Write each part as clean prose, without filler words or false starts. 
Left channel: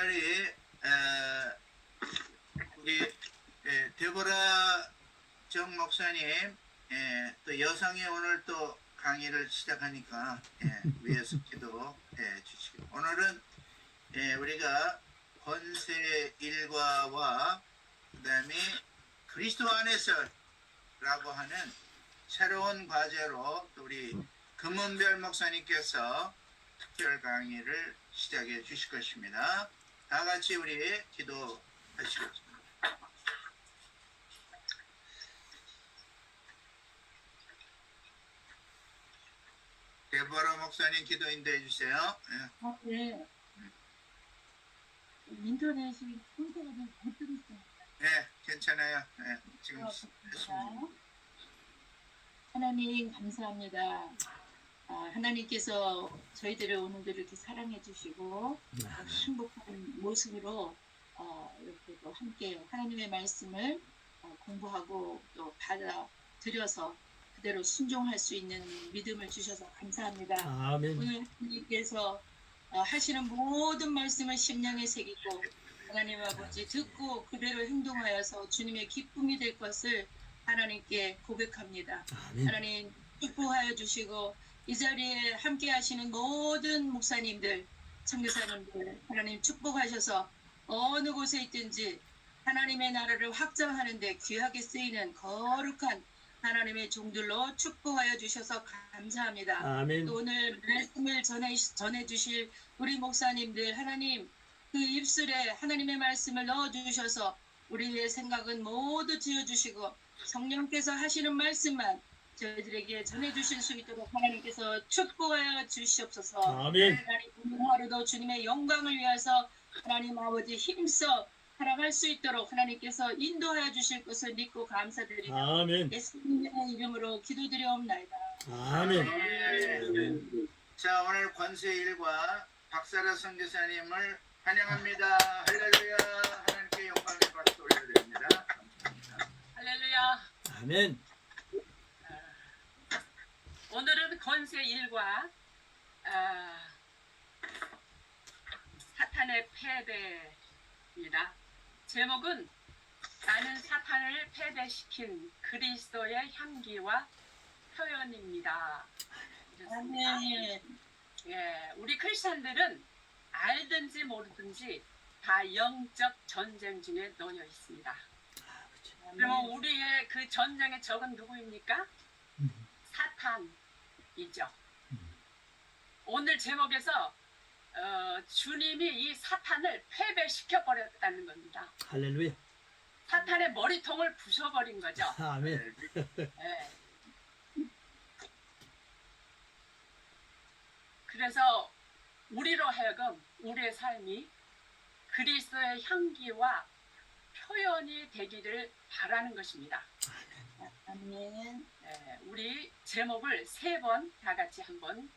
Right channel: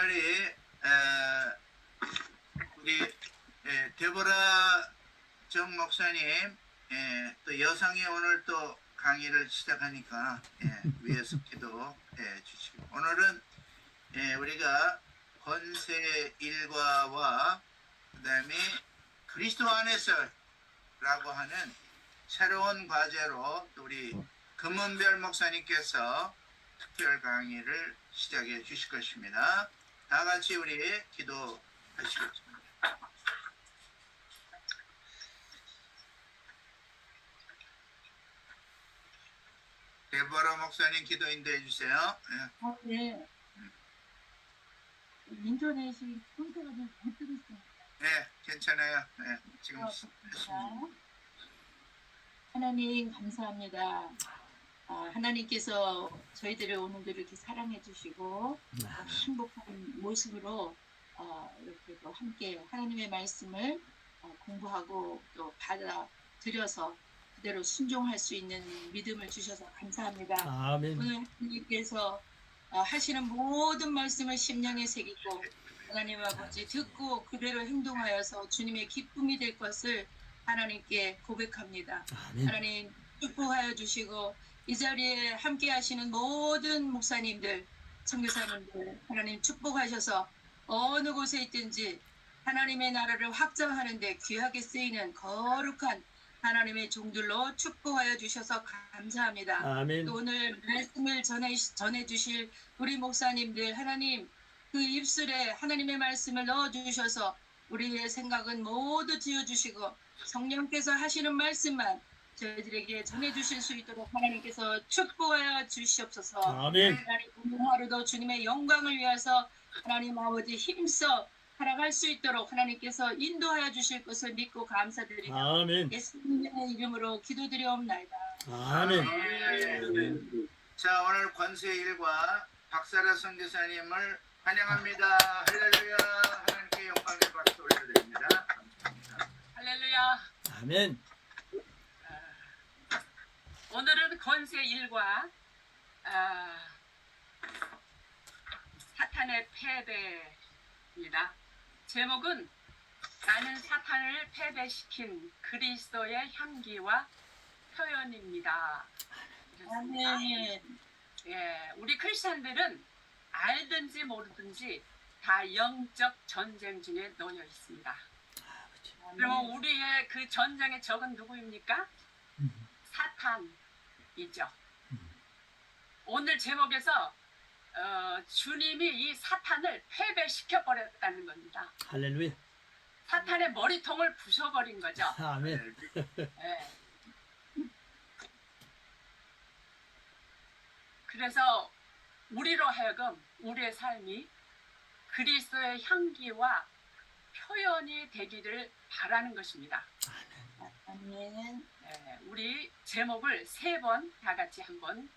특별히 우리 데보라 정 목사님 또 여성이 오늘 또 강의를 시작하니까 위에서 기도 주시고 오늘은 우리가 권세 일과와 그 다음에 그리스도 안에서라고 하는 새로운 과제로 또 우리 금은별 목사님께서 특별 강의를 시작해 주실 것입니다. 다 같이 우리 기도하시겠습니다. 데보라 목사님 기도 인도해 주세요. 네. 인터넷이 혼자가 좀 못 들었어요. 네, 괜찮아요. 지금 하나님 감사합니다. 하나님께서 저희들을 오늘도 이렇게 사랑해 주시고 행복한 모습으로 이렇게 또 함께 하나님의 말씀을 공부하고 또 받아들여서 그대로 순종할 수 있는 믿음을 주셔서 감사합니다. 아멘. 오늘 하나님께서 하시는 모든 말씀을 심령에 새기고 하나님 아버지 듣고 그대로 행동하여서 주님의 기쁨이 될 것을 하나님께 고백합니다. 아멘. 하나님 축복하여 주시고 이 자리에 함께 하시는 모든 목사님들, 선교사님들 하나님 축복하셔서 어느 곳에 있든지 하나님의 나라를 확장하는 데 귀하게 쓰이는 거룩한 하나님의 종들로 축복하여 주셔서 감사합니다. 아멘. 또 오늘 말씀을 전해 주실 우리 목사님들 하나님 그 입술에 하나님의 말씀을 넣어 주셔서 우리의 생각은 모두 지어 주시고 성령께서 하시는 말씀만 저희들에게 전해 주실 수 있도록 하나님께서 축복하여 주시옵소서. 아멘. 하나님 오늘 하루도 주님의 영광을 위해서 하나님 아버지 힘써 살아갈 수 있도록 하나님께서 인도하여 주실 것을 믿고 감사드리며 아멘. 예수님의 이름으로 기도드리옵나이다. 아멘. 자, 오늘 권세 일과 박사라 선교사님을 환영합니다. 할렐루야. 하나님께 영광의 박수 올려드립니다. 감사합니다. 할렐루야. 아멘. 오늘은 권세 1과 사탄의 패배입니다. 제목은 나는 사탄을 패배시킨 그리스도의 향기와 표현입니다. 아멘. 예, 우리 크리스천들은 알든지 모르든지 다 영적 전쟁 중에 놓여 있습니다. 그러면 우리의 그 전쟁의 적은 누구입니까? 사탄이죠. 오늘 제목에서 주님이 이 사탄을 패배시켜 버렸다는 겁니다. 할렐루야. 사탄의 머리통을 부숴버린 거죠. 아멘. 예. 그래서 우리로 하여금 우리의 삶이 그리스도의 향기와 표현이 되기를 바라는 것입니다. 아멘. 우리 제목을 3번 다 같이 한번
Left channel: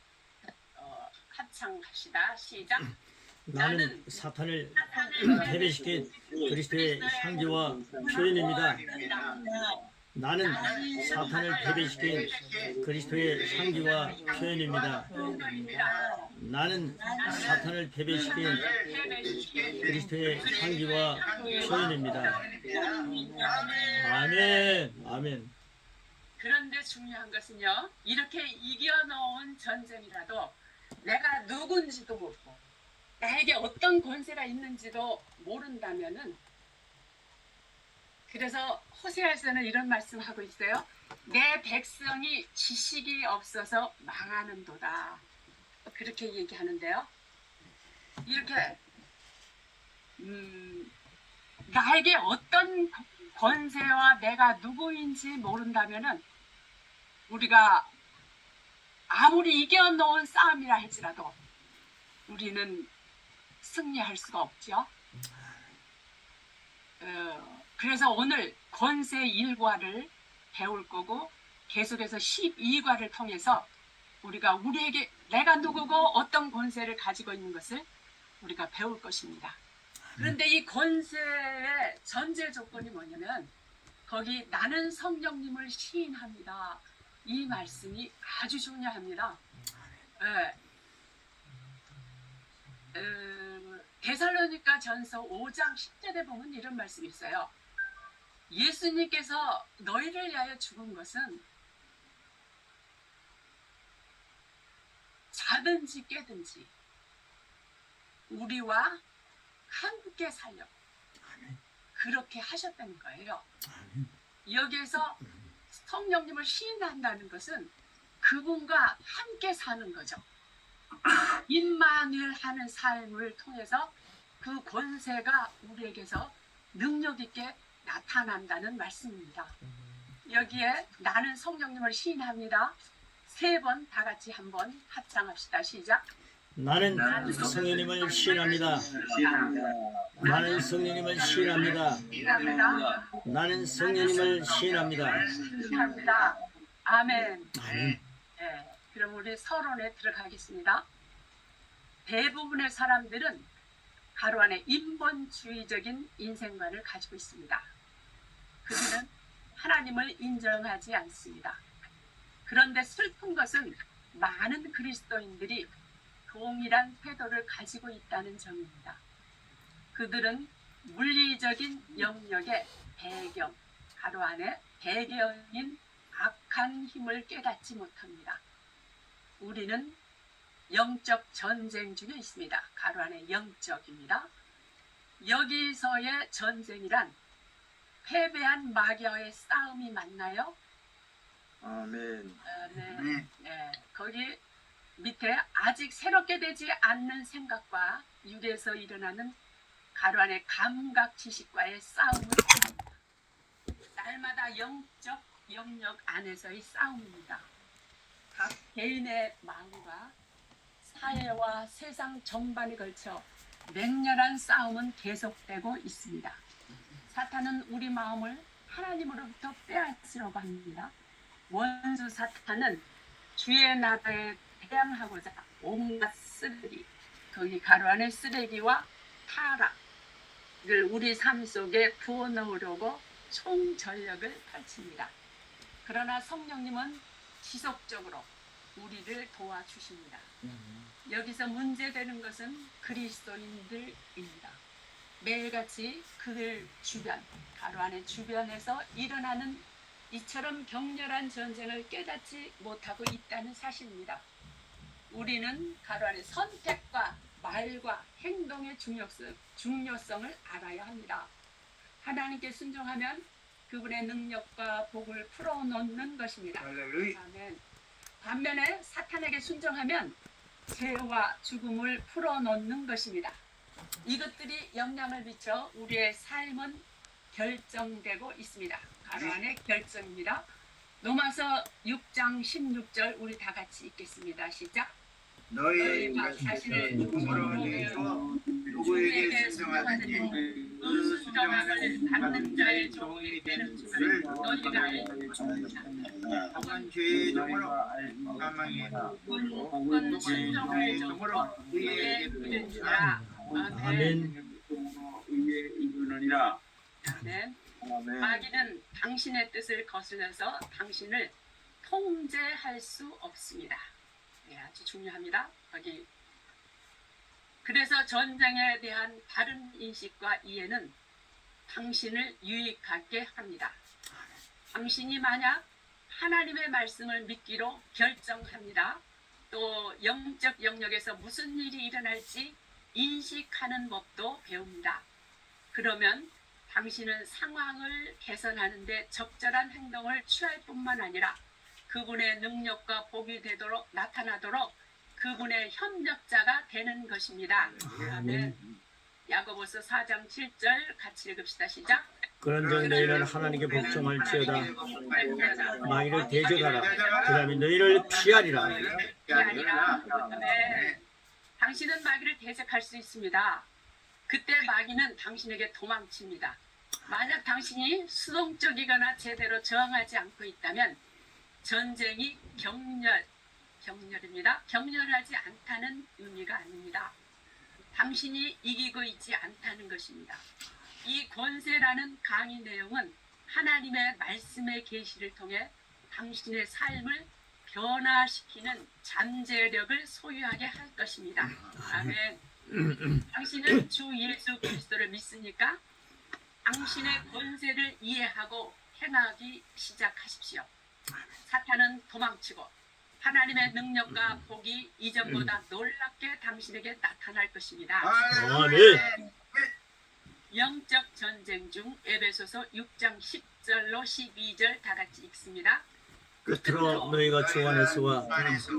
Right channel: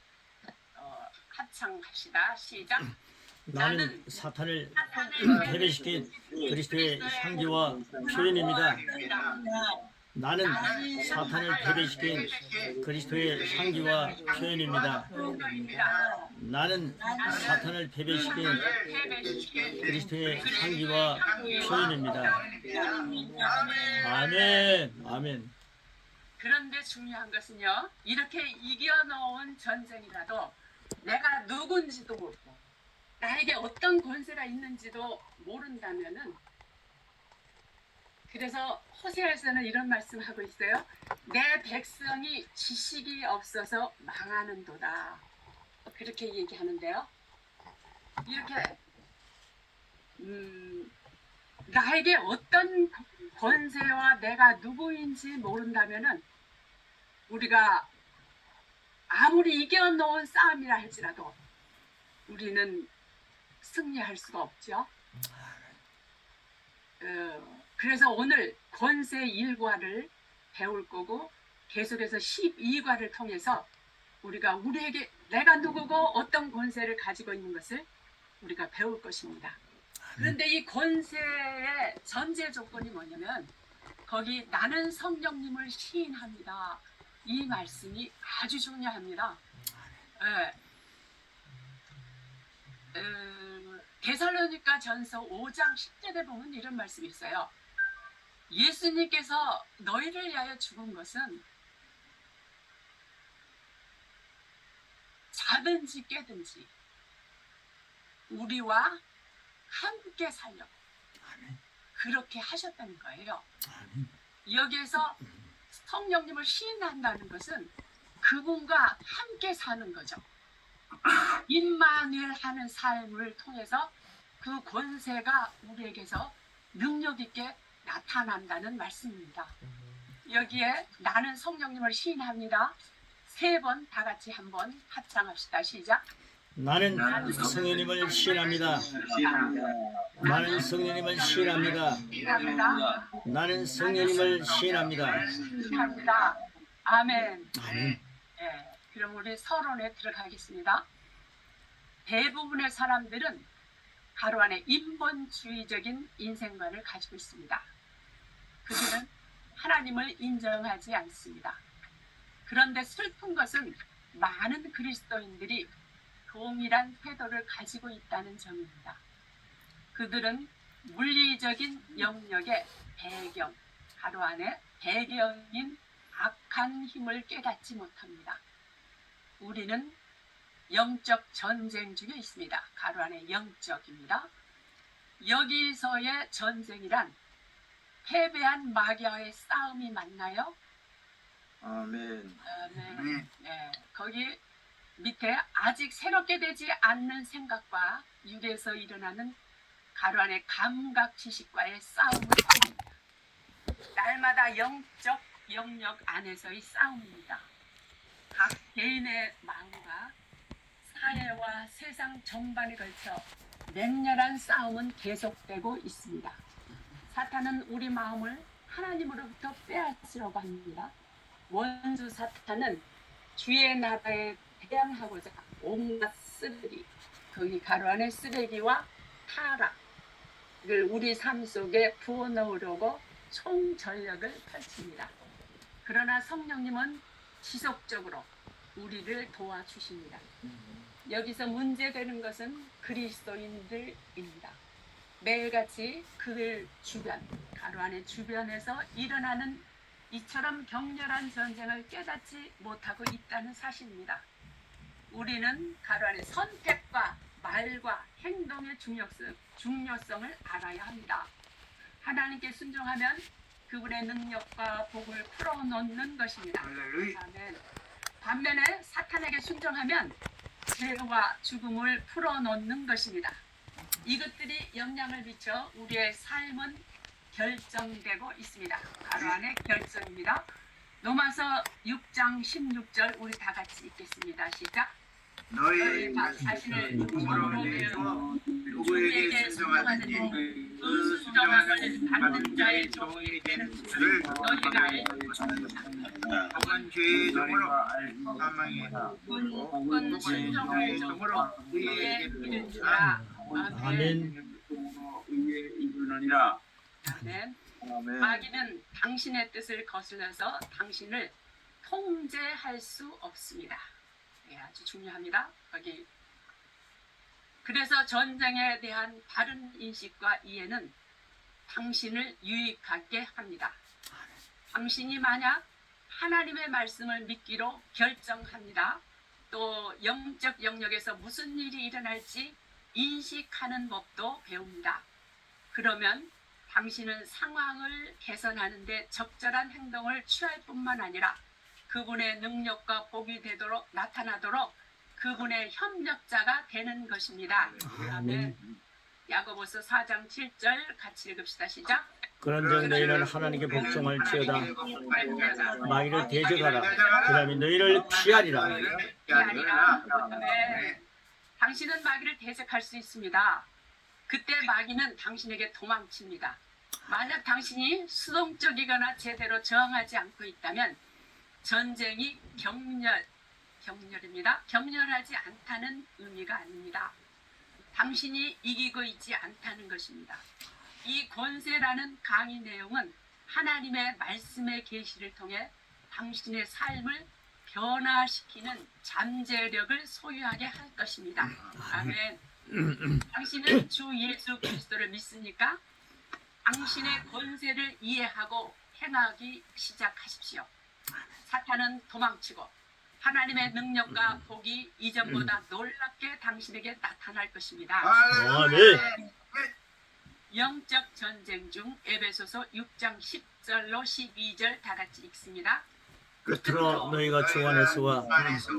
합창합시다. 시작. 나는 사탄을 패배시킨 그리스도의 향기와 표현입니다. 나는 사탄을 패배시킨 그리스도의 향기와 표현입니다. 나는 사탄을 패배시킨 그리스도의 향기와 표현입니다. 아멘. 아멘. 그런데 중요한 것은요, 이렇게 이겨놓은 전쟁이라도 내가 누군지도 모르고 나에게 어떤 권세가 있는지도 모른다면은, 그래서 호세아서는 이런 말씀하고 있어요. 내 백성이 지식이 없어서 망하는도다. 그렇게 얘기하는데요. 이렇게 나에게 어떤 권세와 내가 누구인지 모른다면은 우리가 아무리 이겨놓은 싸움이라 할지라도 우리는 승리할 수가 없죠. 그래서 오늘 권세 1과를 배울 거고 계속해서 12과를 통해서 우리가 우리에게 내가 누구고 어떤 권세를 가지고 있는 것을 우리가 배울 것입니다. 그런데 이 권세의 전제 조건이 뭐냐면 거기 나는 성령님을 시인합니다. 이 말씀이 아주 중요합니다. 데살로니가 전서 5장 10절에 보면 이런 말씀이 있어요. 예수님께서 너희를 위하여 죽은 것은 자든지 깨든지 우리와 함께 살려 그렇게 하셨다는 거예요. 여기에서 성령님을 시인한다는 것은 그분과 함께 사는 거죠. 임마누엘 하는 삶을 통해서 그 권세가 우리에게서 능력 있게 나타난다는 말씀입니다. 여기에 나는 성령님을 시인합니다. 3번 다 같이 한번 합창합시다. 시작. 나는 성령님을 시인합니다. 나는 성령님을 시인합니다. 시인합니다. 나는 성령님을 시인합니다. 시인합니다. 아멘. 아멘. 예, 그럼 우리 서론에 들어가겠습니다. 대부분의 사람들은 가로 안에 인본주의적인 인생관을 가지고 있습니다. 그들은 하나님을 인정하지 않습니다. 그런데 슬픈 것은 많은 그리스도인들이 동일한 태도를 가지고 있다는 점입니다. 그들은 물리적인 영역의 배경, 가로 안에 배경인 악한 힘을 깨닫지 못합니다. 우리는 영적 전쟁 중에 있습니다. 가로 안에 영적입니다. 여기서의 전쟁이란 패배한 마귀와의 싸움이 맞나요? 아멘. 네. 네. 거기 밑에 아직 새롭게 되지 않는 생각과 육에서 일어나는 가로 안에 감각 지식과의 싸움을 합니다. 날마다 영적 영역 안에서의 싸움입니다. 각 개인의 마음과 사회와 세상 전반에 걸쳐 맹렬한 싸움은 계속되고 있습니다. 사탄은 우리 마음을 하나님으로부터 빼앗으려고 합니다. 원수 사탄은 주의 나라에 대항하고자 온갖 쓰레기, 거기 가로 안에 쓰레기와 타락을 우리 삶 속에 부어넣으려고 총전력을 펼칩니다. 그러나 성령님은 지속적으로 우리를 도와주십니다. 여기서 문제되는 것은 그리스도인들입니다. 매일같이 그 주변, 가로 안에 주변에서 일어나는 이처럼 격렬한 전쟁을 깨닫지 못하고 있다는 사실입니다. 우리는 가로 안에 선택과 말과 행동의 중요성을 알아야 합니다. 하나님께 순종하면 그분의 능력과 복을 풀어놓는 것입니다. 할렐루야. 아멘. 반면에 사탄에게 순종하면 죄와 죽음을 풀어놓는 것입니다. 이것들이 영향을 미쳐 우리의 삶은 결정되고 있습니다. 가로 안에 결정입니다. 로마서 6장 16절 우리 다 같이 읽겠습니다. 시작. 너희 자신을 누구로 내서 누구에게 순종하든지 그 순종함을 받는 자의 종이 되는 줄을 너희가 알고 혹은 죄의 종으로 사망의 혹은 순종의 종으로 의에 이른 줄아. 아멘. 아멘. 의에 이르느니라. 아멘. 아멘. 마귀는 당신의 뜻을 거슬려서 당신을 통제할 수 없습니다. 예, 아주 중요합니다. 거기. 그래서 전쟁에 대한 바른 인식과 이해는 당신을 유익하게 합니다. 당신이 만약 하나님의 말씀을 믿기로 결정합니다. 또 영적 영역에서 무슨 일이 일어날지 인식하는 법도 배웁니다. 그러면 당신은 상황을 개선하는 데 적절한 행동을 취할 뿐만 아니라 그분의 능력과 복이 되도록 나타나도록 그분의 협력자가 되는 것입니다. 아멘. 야고보서 4장 7절 같이 읽읍시다. 시작. 그런즉 너희는 하나님께 복종할지어다. 마귀를 대적하라. 그러면 너희를 피하리라. 피하리라. 아멘. 당신은 마귀를 대적할 수 있습니다. 그때 마귀는 당신에게 도망칩니다. 만약 당신이 수동적이거나 제대로 저항하지 않고 있다면 전쟁이 격렬입니다. 격렬하지 않다는 의미가 아닙니다. 당신이 이기고 있지 않다는 것입니다. 이 권세라는 강의 내용은 하나님의 말씀의 계시를 통해 당신의 삶을 변화시키는 잠재력을 소유하게 할 것입니다. 아멘. 당신은 주 예수 그리스도를 믿습니까? 당신의 권세를 이해하고 행하기 시작하십시오. 사탄은 도망치고 하나님의 능력과 복이 이전보다 놀랍게 당신에게 나타날 것입니다. 아멘. 영적 전쟁 중 에베소서 6장 10절로 12절 다 같이 읽습니다. 끝으로 너희가 주 안에서와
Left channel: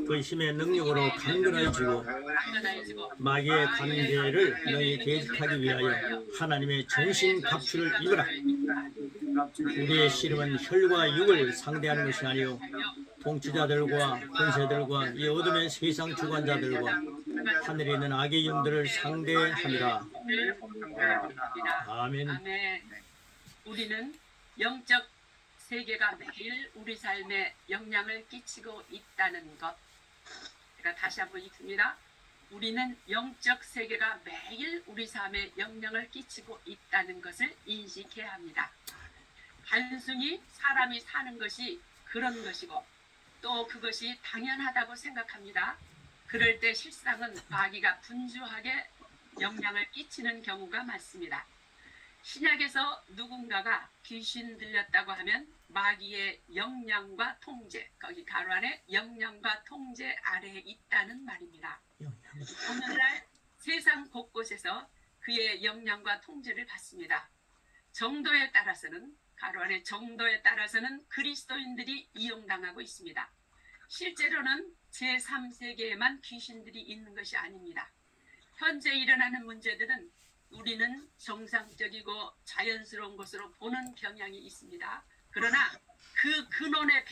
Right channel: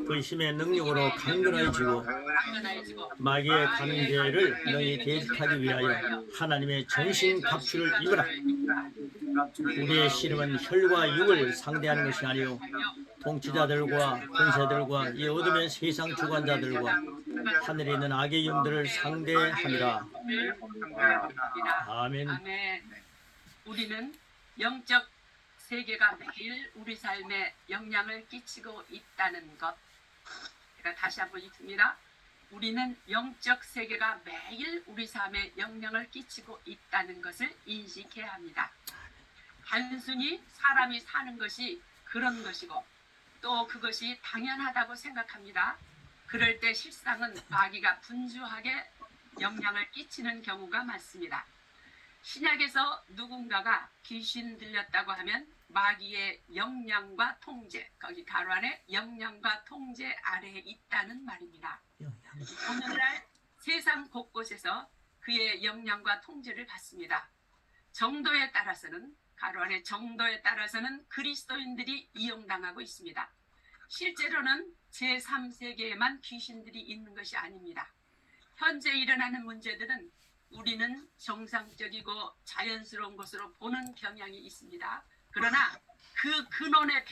그 힘의 능력으로 강건해지고 마귀의 관계를 너희 대적하기 위하여 하나님의 정신 갑주를 입으라. 우리의 씨름은 혈과 육을 상대하는 것이 아니요 통치자들과 권세들과 이 어둠의 세상 주관자들과 하늘에 있는 악의 영들을 상대함이라. 아멘. 아멘. 우리는 영적 세계가 매일 우리 삶에 영향을 끼치고 있다는 것. 제가 다시 한번 읽습니다. 우리는 영적 세계가 매일 우리 삶에 영향을 끼치고 있다는 것을 인식해야 합니다. 단순히 사람이 사는 것이 그런 것이고 또 그것이 당연하다고 생각합니다. 그럴 때 실상은 마귀가 분주하게 영향을 끼치는 경우가 많습니다. 신약에서 누군가가 귀신 들렸다고 하면 마귀의 영향과 통제, 거기 가로 안에 영향과 통제 아래에 있다는 말입니다. 오늘날 세상 곳곳에서 그의 영향과 통제를 받습니다. 정도에 따라서는 가로 안에 정도에 따라서는 그리스도인들이 이용당하고 있습니다. 실제로는 제3세계에만 귀신들이 있는 것이 아닙니다. 현재 일어나는 문제들은 우리는 정상적이고 자연스러운 것으로 보는 경향이 있습니다. 그러나 그 근원의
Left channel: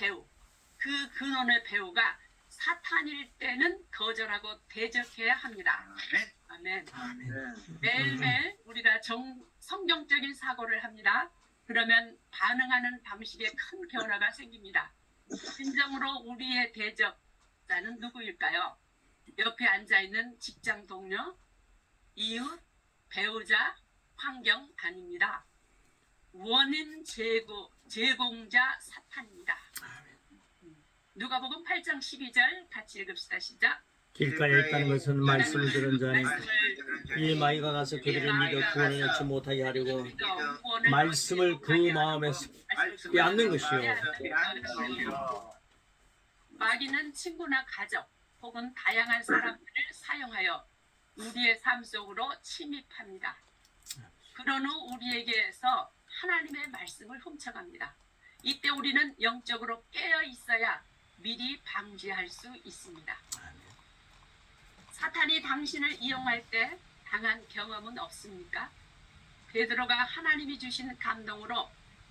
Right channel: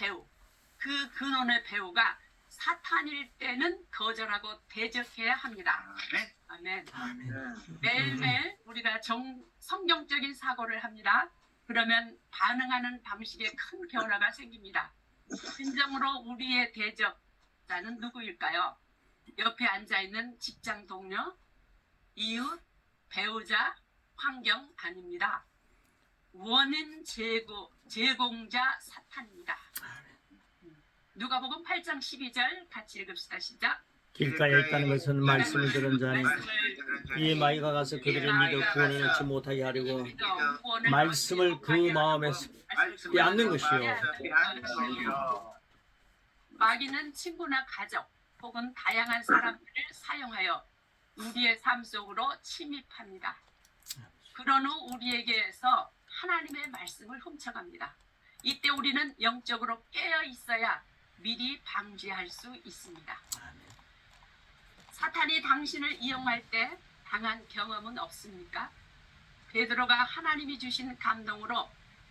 배우가 사탄일 때는 거절하고 대적해야 합니다. 아멘. 매일매일 우리가 성경적인 사고를 합니다. 그러면 반응하는 방식에 큰 변화가 생깁니다. 진정으로 우리의 대적자는 누구일까요? 옆에 앉아있는 직장 동료, 이웃, 배우자, 환경 아닙니다. 원인 제공자 사탄입니다. 누가복음 8장 12절 같이 읽읍시다. 시작. 길가에 있다는 것은 말씀을 들은 자니 이에 마귀가 가서 그들을 믿어 구원을 얻지 못하게 하려고 말씀을 그 마음에서 빼앗는 것이요. 마귀는 친구나 가족 혹은 다양한 사람들을 사용하여 우리의 삶 속으로 침입합니다. 그런 후 우리에게서 하나님의 말씀을 훔쳐갑니다. 이때 우리는 영적으로 깨어 있어야 미리 방지할 수 있습니다. 사탄이 당신을 이용할 때 당한 경험은 없습니까? 베드로가 하나님이 주신 감동으로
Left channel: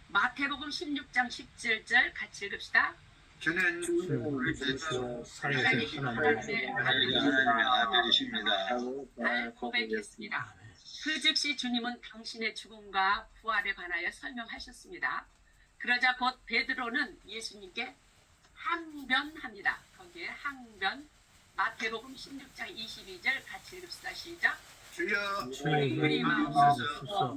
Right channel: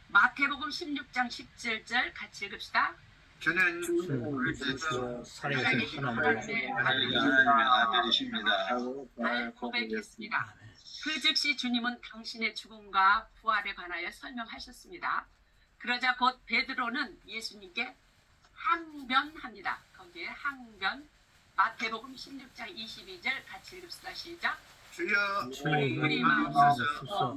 마태복음 16장 17절 같이 읽읍시다. 저는 살아계신 하나님의 아들이십니다. 고백했습니다. 그 즉시 주님은 당신의 죽음과 부활에 관하여 설명하셨습니다. 그러자 곧 베드로는 예수님께 항변합니다. 거기에 항변, 마태복음 16장 22절 같이 읽읍시다. 시작. 주여 주의 마옵소서.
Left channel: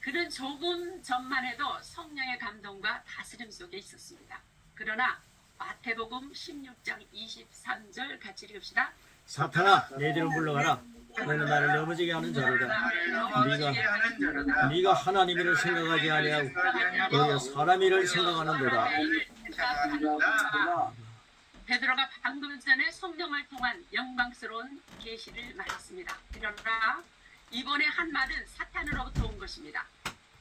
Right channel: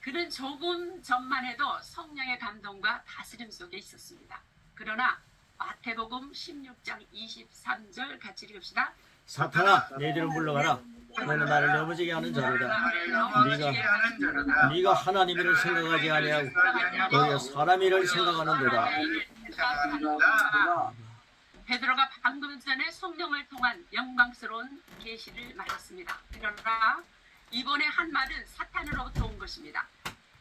그는 조금 전만 해도 성령의 감동과 다스림 속에 있었습니다. 그러나 마태복음 16장 23절 같이 읽읍시다. 사탄아, 너희들은 물러가라. 너는 나를 넘어지게 하는 자로다. 네가 하나님이를 생각하지 아니하고 너희가 사람이를 생각하는도다. 베드로가 방금 전에 성령을 통한 영광스러운 계시를 말했습니다. 그러나 이번에 한 말은 사탄으로부터 온 것입니다.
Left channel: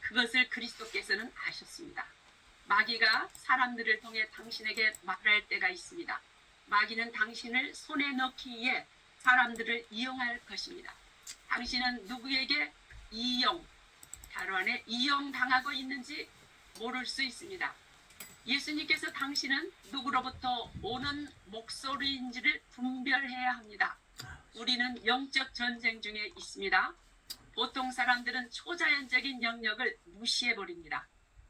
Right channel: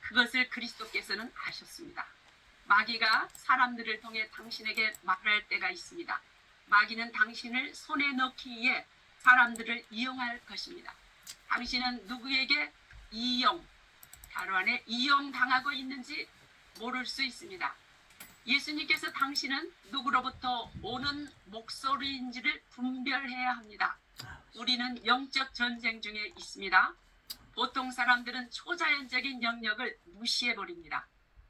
그것을 그리스도께서는 아셨습니다. 마귀가 사람들을 통해 당신에게 말할 때가 있습니다. 마귀는 당신을 손에 넣기 위해 사람들을 이용할 것입니다. 당신은 누구에게 가로 안에 이용당하고 있는지 모를 수 있습니다. 예수님께서 당신은 누구로부터 오는 목소리인지를 분별해야 합니다. 우리는 영적 전쟁 중에 있습니다. 보통 사람들은 초자연적인 영역을 무시해버립니다.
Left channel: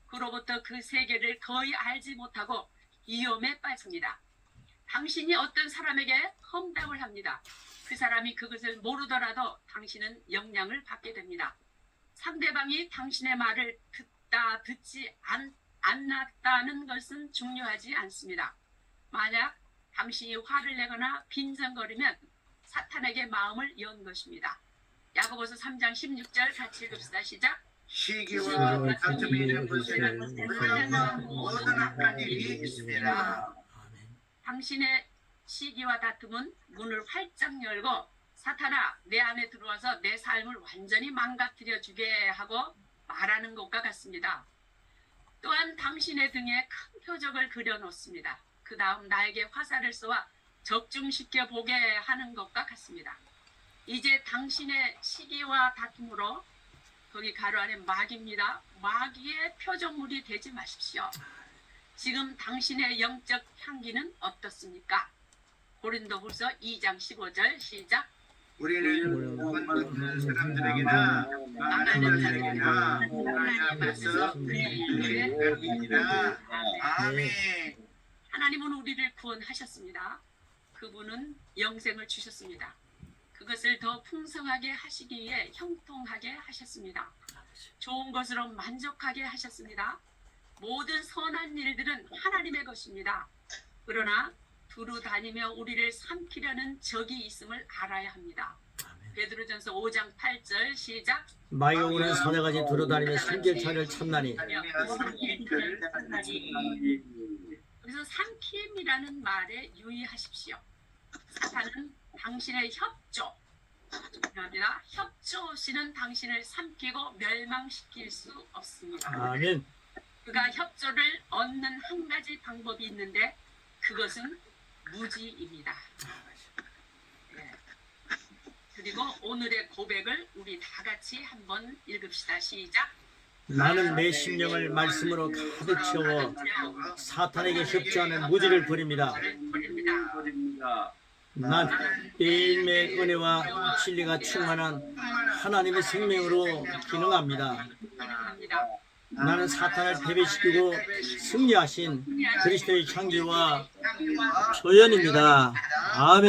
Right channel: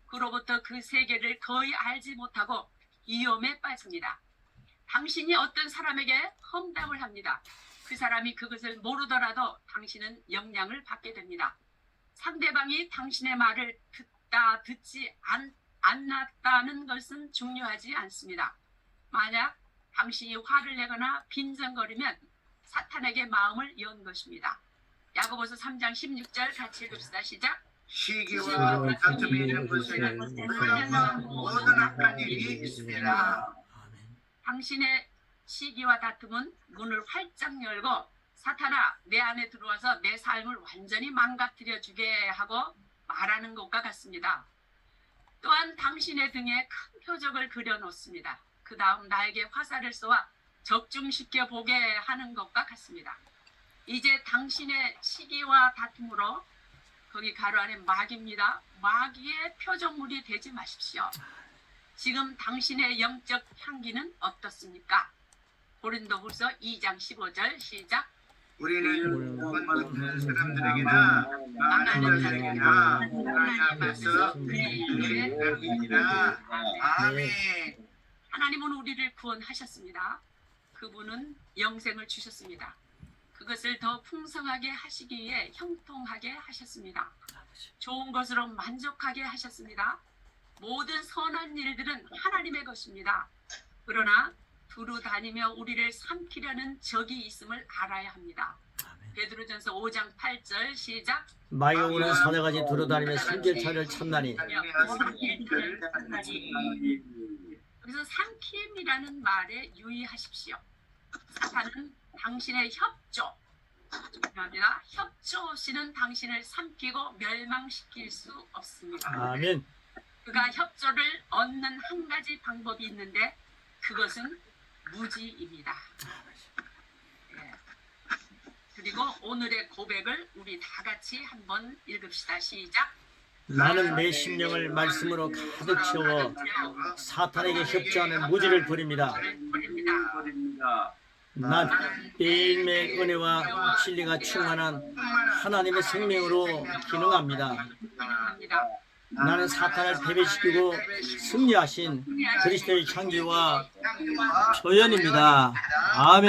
그로부터 그 세계를 거의 알지 못하고 위험에 빠집니다. 당신이 어떤 사람에게 험담을 합니다. 그 사람이 그것을 모르더라도 당신은 영향을 받게 됩니다. 상대방이 당신의 말을 듣지 않았다는 것은 중요하지 않습니다. 만약 당신이 화를 내거나 빈정거리면 사탄에게 마음을 연 것입니다. 야고보서 3장 16절 같이 읽읍시다. 시작. 시기와 다툼이 있는 곳에는 모든 악한 일이 있습니다. 당신의 시기와 다툼은 문을 활짝 열고 사탄아 내 안에 들어와서 내 삶을 완전히 망가뜨려 주게 하고 말하는 것과 같습니다. 또한 당신의 등에 큰 표적을 그려놓습니다. 그 다음 나에게 화살을 쏘아 적중시켜 보게 하는 것과 같습니다. 이제 당신의 시기와 다툼으로 거기 가로 안에 마귀입니다. 마귀의 표적물이 되지 마십시오. 지금 당신의 영적 향기는 어떻습니까? 고린도후서 2장 15절 시작. 우리는 원하는 사람들에게나 많은 자들에게나 하나님 앞에서 그의 따릅니다. 아멘. 하나님은 우리를 구원하셨습니다. 그분은 영생을 주셨습니다. 그것을 더 풍성하게 하시기 위해 형통하게 하셨습니다. 좋은 것으로 만족하게 하셨습니다. 모든 선한 일들은 하나님의 것입니다. 그러나 두루 다니며 우리를 삼키려는 적이 있음을 알아야 합니다. 베드로전서 5장 8절 시작. 마귀오는 사자같이 두루다니며 삼킬자를 찾나니 그래서 삼킴이라는 말에 유의하십시오. 사탄은 당신의 협조, 죄송합니다. 협조시는 당신을 삼키고 멸망시킬 수 없습니다. 아멘. 그가 협조를 얻는 한 가지 방법이 있는데 그것은 무지입니다. 네. 그리고 오늘의 고백을 우리 다 같이 한번 읽읍시다. 시작. 나는 내 심령을 말씀으로 가득 채워 사탄에게 협조하는 무지를 버립니다. 난 매일매일 은혜와 진리가 충만한 하나님의 생명으로 기능합니다. 나는 사탄을 패배시키고 승리하신 그리스도의 향기와 조연입니다. 아멘.